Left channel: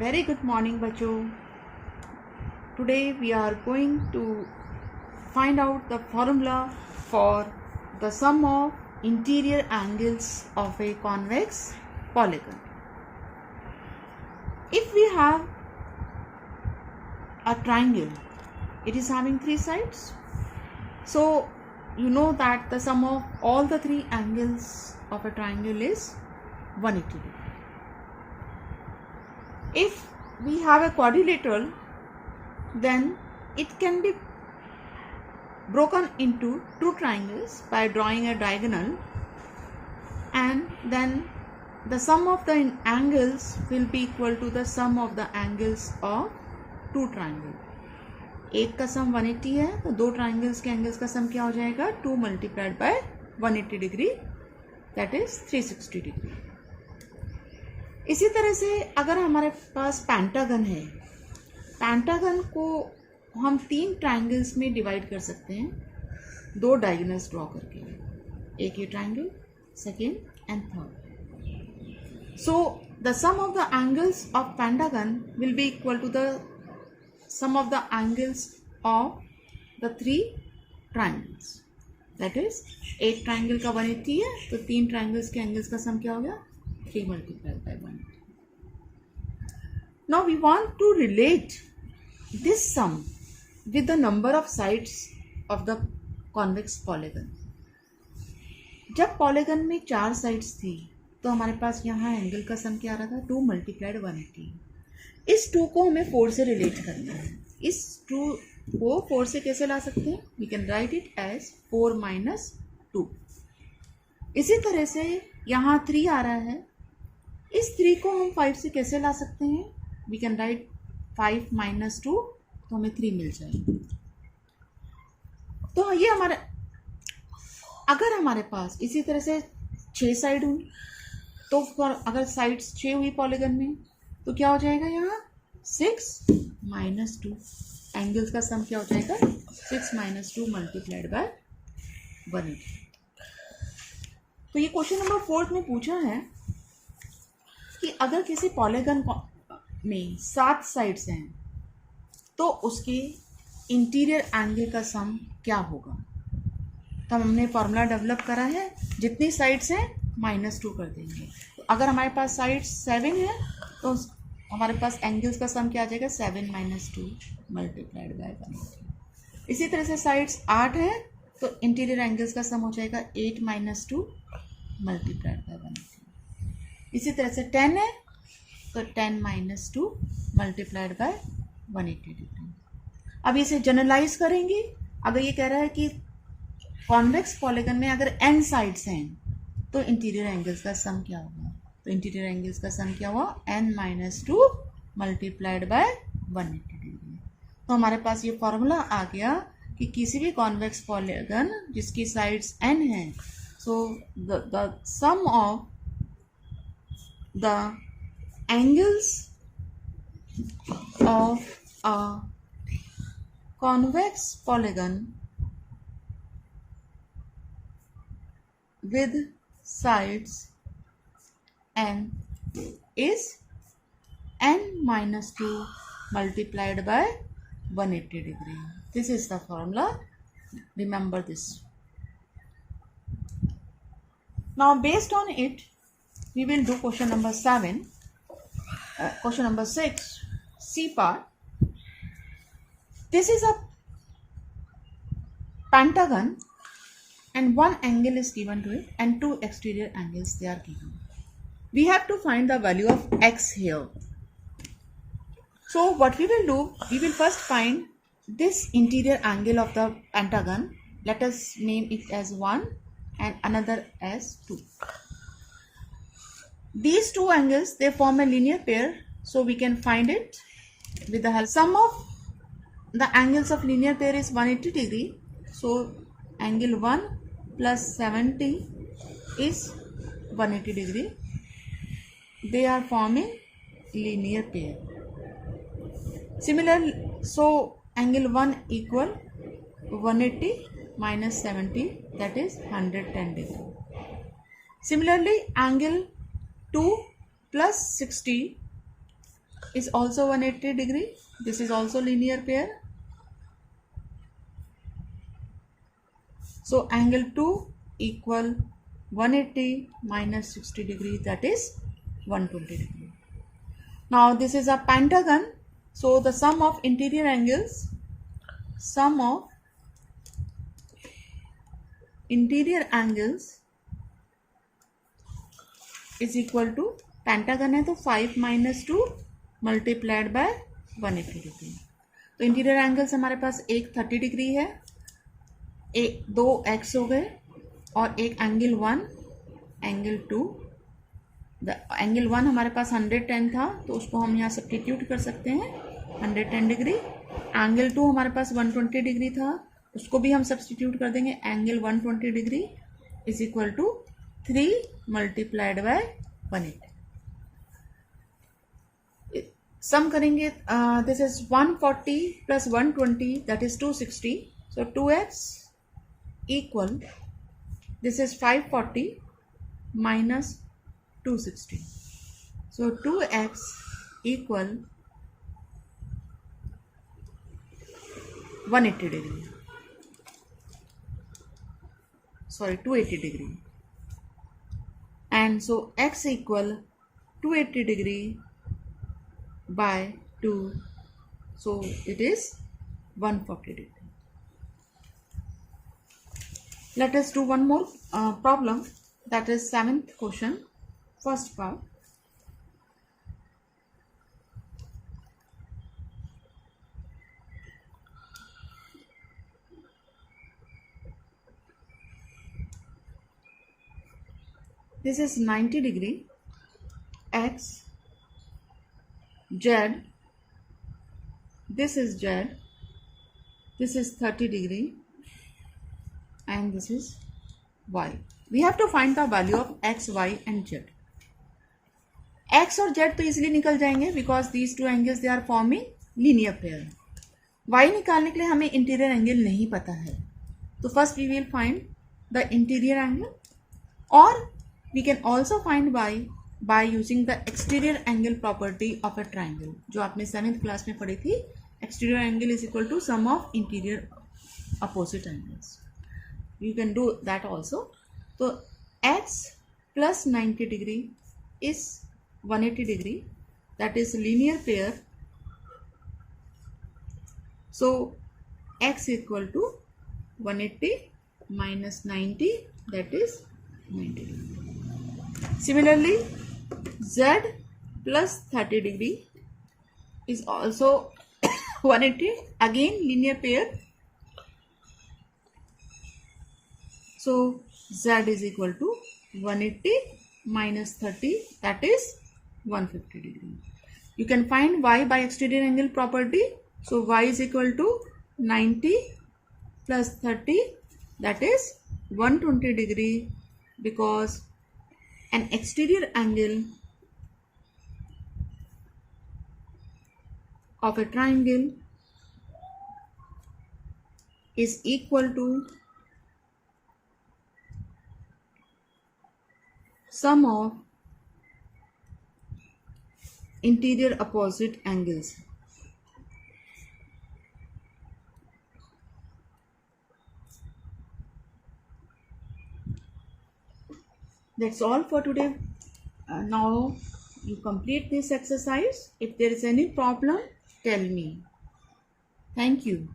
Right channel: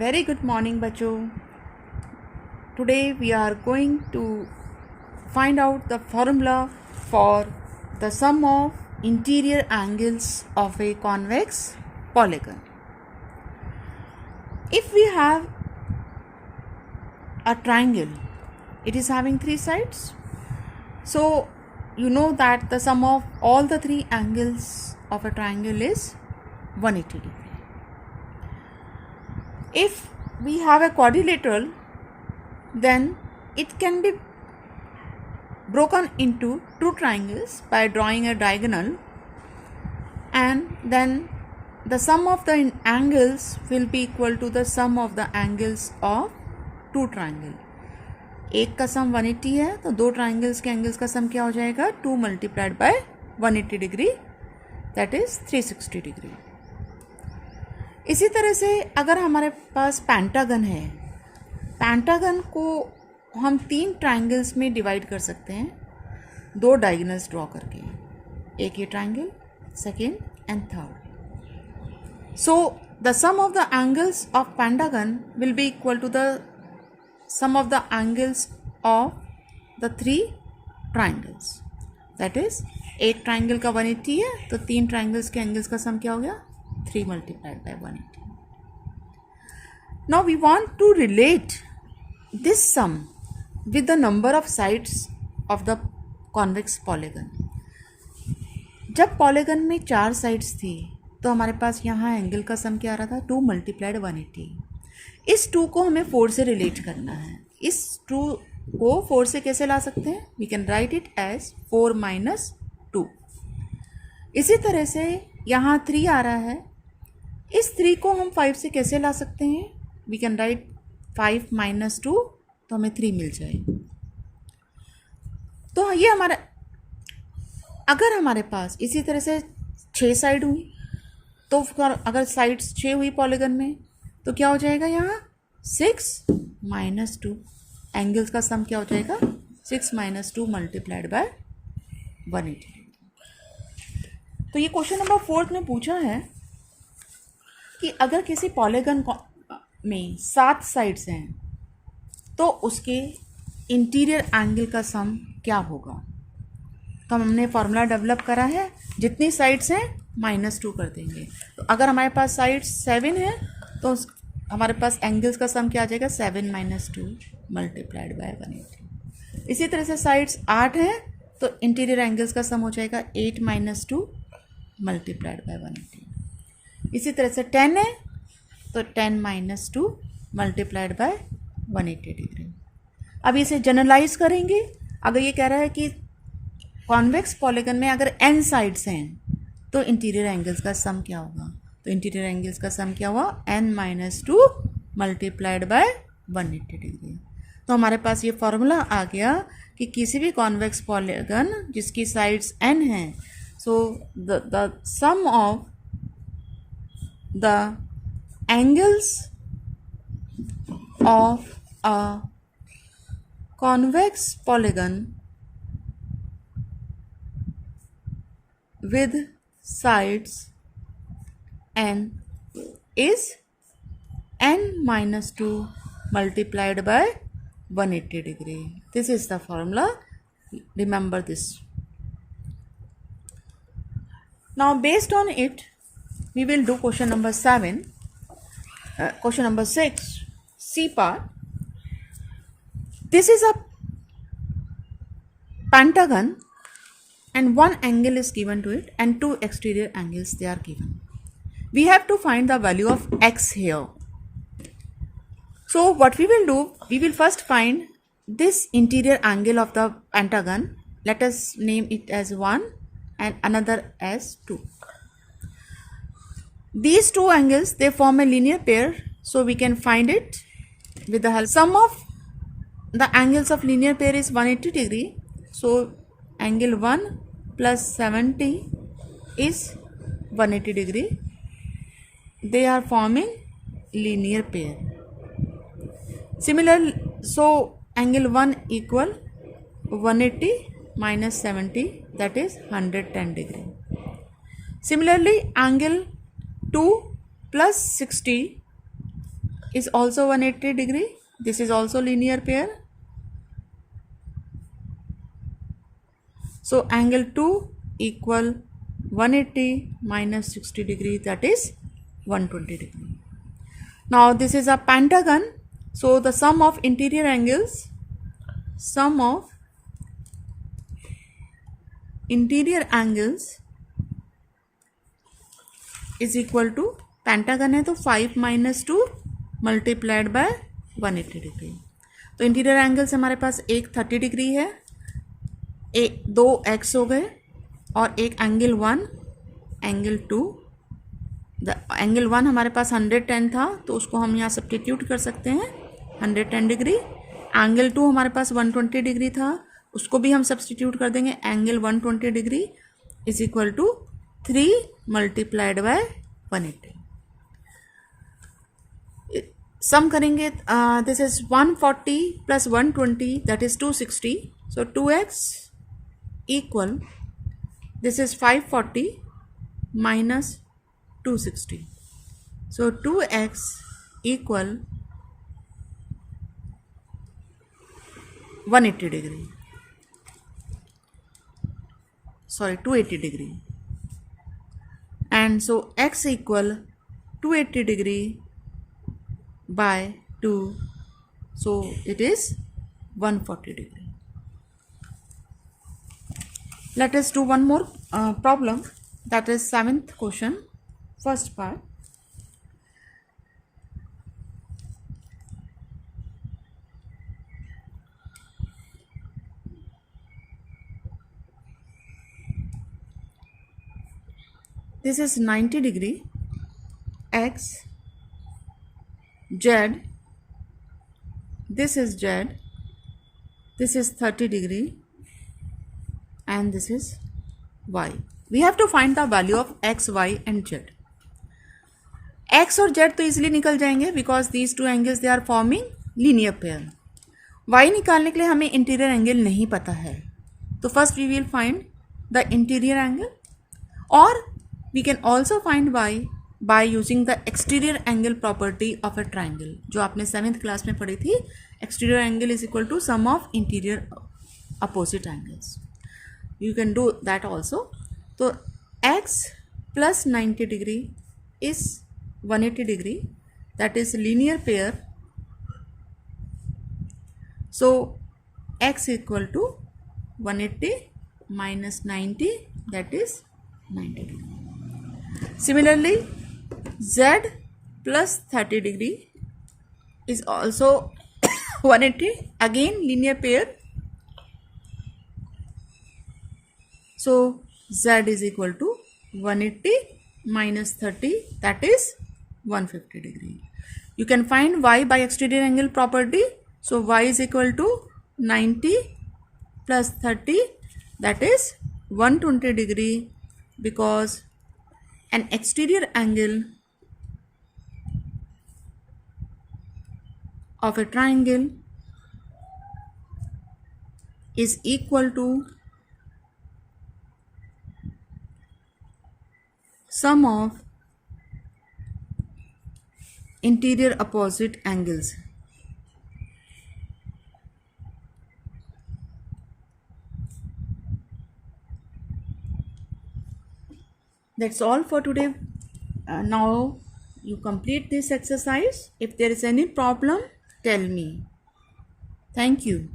Very good morning बच्चों. Today we are going to find out the formula for the sum of interior angles of a convex polygon. If we have a triangle, it is having three sides. So you know that the sum of all the three angles of a triangle is 180 degree. If we have a quadrilateral, then it can be broken into two triangles by drawing a diagonal, and then the sum of the angles will be equal to the sum of the angles of two triangle. एक का सम 180 है तो दो triangles के angles का सम क्या हो जाएगा 2 multiplied by 180 degree, that is 360 degree. इसी तरह से अगर हमारे पास पेंटागन है, पेंटागन को हम तीन ट्राइंगल्स में डिवाइड कर सकते हैं, दो डायगोनल्स ड्रॉ करके, एक ये triangle, second and third. So the sum of the angles of pentagon will be equal to the sum of the angles of the three triangles. That is एक triangle का 180 है तो तीन ट्राइंगल्स के angles का सम क्या हो गया 3 multiplied by 180. Now we want to relate this sum with the number of sides of the convex polygon. जब पॉलीगन में 4 साइड्स थी तो हमारे पास यहाँ एंगल का सम क्या आ रहा था 2 multiplied 180. इस 2 को हमें 4 से रिलेट करना है. इस 2 को 4 से कैसे ला सकते हैं? We can write it as 4 minus 2. इसी तरह से यहाँ 3 आ रहा है, इस 3 को हम 5 से कैसे ला सकते हैं? वी कैन राइट 5 minus 2, तो हमें 3 मिल जाएगी. तो ये हमारा, अगर हमारे पास इसी तरह से 6 साइड हुई तो अगर साइड्स 6 हुई पॉलीगन में तो क्या हो जाएगा यहाँ 6 minus 2. एंगल्स का सम क्या हो जाएगा 6 minus 2 multiplied by 180. तो ये क्वेश्चन नंबर 4 में पूछा है कि अगर किसी पॉलीगन में 7 साइड्स हैं तो उसके इंटीरियर एंगल का सम क्या होगा. तो हमने फॉर्मूला डेवलप करा है, जितनी साइड्स हैं -2 कर देंगे. तो अगर हमारे पास साइड्स 7 है तो हमारे पास एंगल्स का सम क्या आ जाएगा 7 minus 2 multiplied by 180. इसी तरह से साइड्स 8 है तो इंटीरियर एंगल्स का सम हो जाएगा 8 minus 2 multiplied by 180. इसी तरह से 10 है तो 10 minus 2 multiplied by 180 डिग्री. अब इसे जनरलाइज करेंगे. अगर ये कह रहा है कि कॉन्वेक्स पॉलीगन में अगर n साइड्स हैं तो इंटीरियर एंगल्स का सम क्या होगा, तो इंटीरियर एंगल्स का सम क्या हुआ n minus 2 multiplied by 180 degree. तो हमारे पास ये फॉर्मूला आ गया कि किसी भी कॉन्वेक्स पॉलीगन जिसकी साइड्स n हैं, so the sum of the angles of a convex polygon with sides n is n minus 2 multiplied by 180 degree. This is the formula. Remember this. Now based on it we will do question number 7. Question number 6, C part. This is a pentagon and one angle is given to it and two exterior angles they are given. We have to find the value of x here. So what we will do, we will first find this interior angle of the pentagon. Let us name it as 1 and another as 2. These two angles, they form a linear pair, so we can find it with the help. Sum of the angles of linear pair is 180 degree. So angle 1 plus 70 is 180 degree. They are forming linear pair. Similarly, so angle 1 equal 180 minus 70, that is 110 degree. Similarly, angle 2 plus 60 is also 180 degree. This is also linear pair. So angle 2 equal 180 minus 60 degree, that is 120 degree. Now this is a pentagon. So the sum of interior angles is equal to, pentagon है तो 5 minus 2 multiplied by 180 degree. तो interior angles हमारे पास एक 30 degree है, एक 2x हो गए, और एक एंगल 1, एंगल 2. एंगल 1 हमारे पास 110 था तो उसको हम यहाँ सब्स्टिट्यूट कर सकते हैं 110 डिग्री. एंगल 2 हमारे पास 120 डिग्री था, उसको भी हम सब्स्टिट्यूट कर देंगे. Angle 120 degree is equal to 3 multiplied by 180. Sum करेंगे, this is 140 plus 120 that is 260. So 2x equal, this is 540 minus 260. So 2x equal 180 degree. Sorry, 280 degree. And so x equal 280 degree by 2. So it is 140 degree. Let us do one more problem, that is 7th question, first part. This is 90 degree, x, z, this is z, this is 30 degree, and this is y. We have to find the value of x, y and z. x और z तो easily निकल जाएंगे because these two angles they are forming linear pair. y निकालने के लिए हमें interior angle नहीं पता है, तो first we will find the interior angle, और we can also find y by using the exterior angle property of a triangle, जो आपने 7th क्लास में पढ़ी थी. Exterior angle is equal to sum of interior opposite angles. You can do that also. So x plus 90 degree is 180 degree, that is linear pair. So x equal to 180 minus 90, that is 90 degree. Similarly z plus 30 degree is also 180, again linear pair. So z is equal to 180 minus 30, that is 150 degree. You can find y by exterior angle property. So y is equal to 90 plus 30, that is 120 degree, because an exterior angle of a triangle is equal to sum of interior opposite angles. That's all for today. Now you complete this exercise. If there is any problem, tell me. Thank you.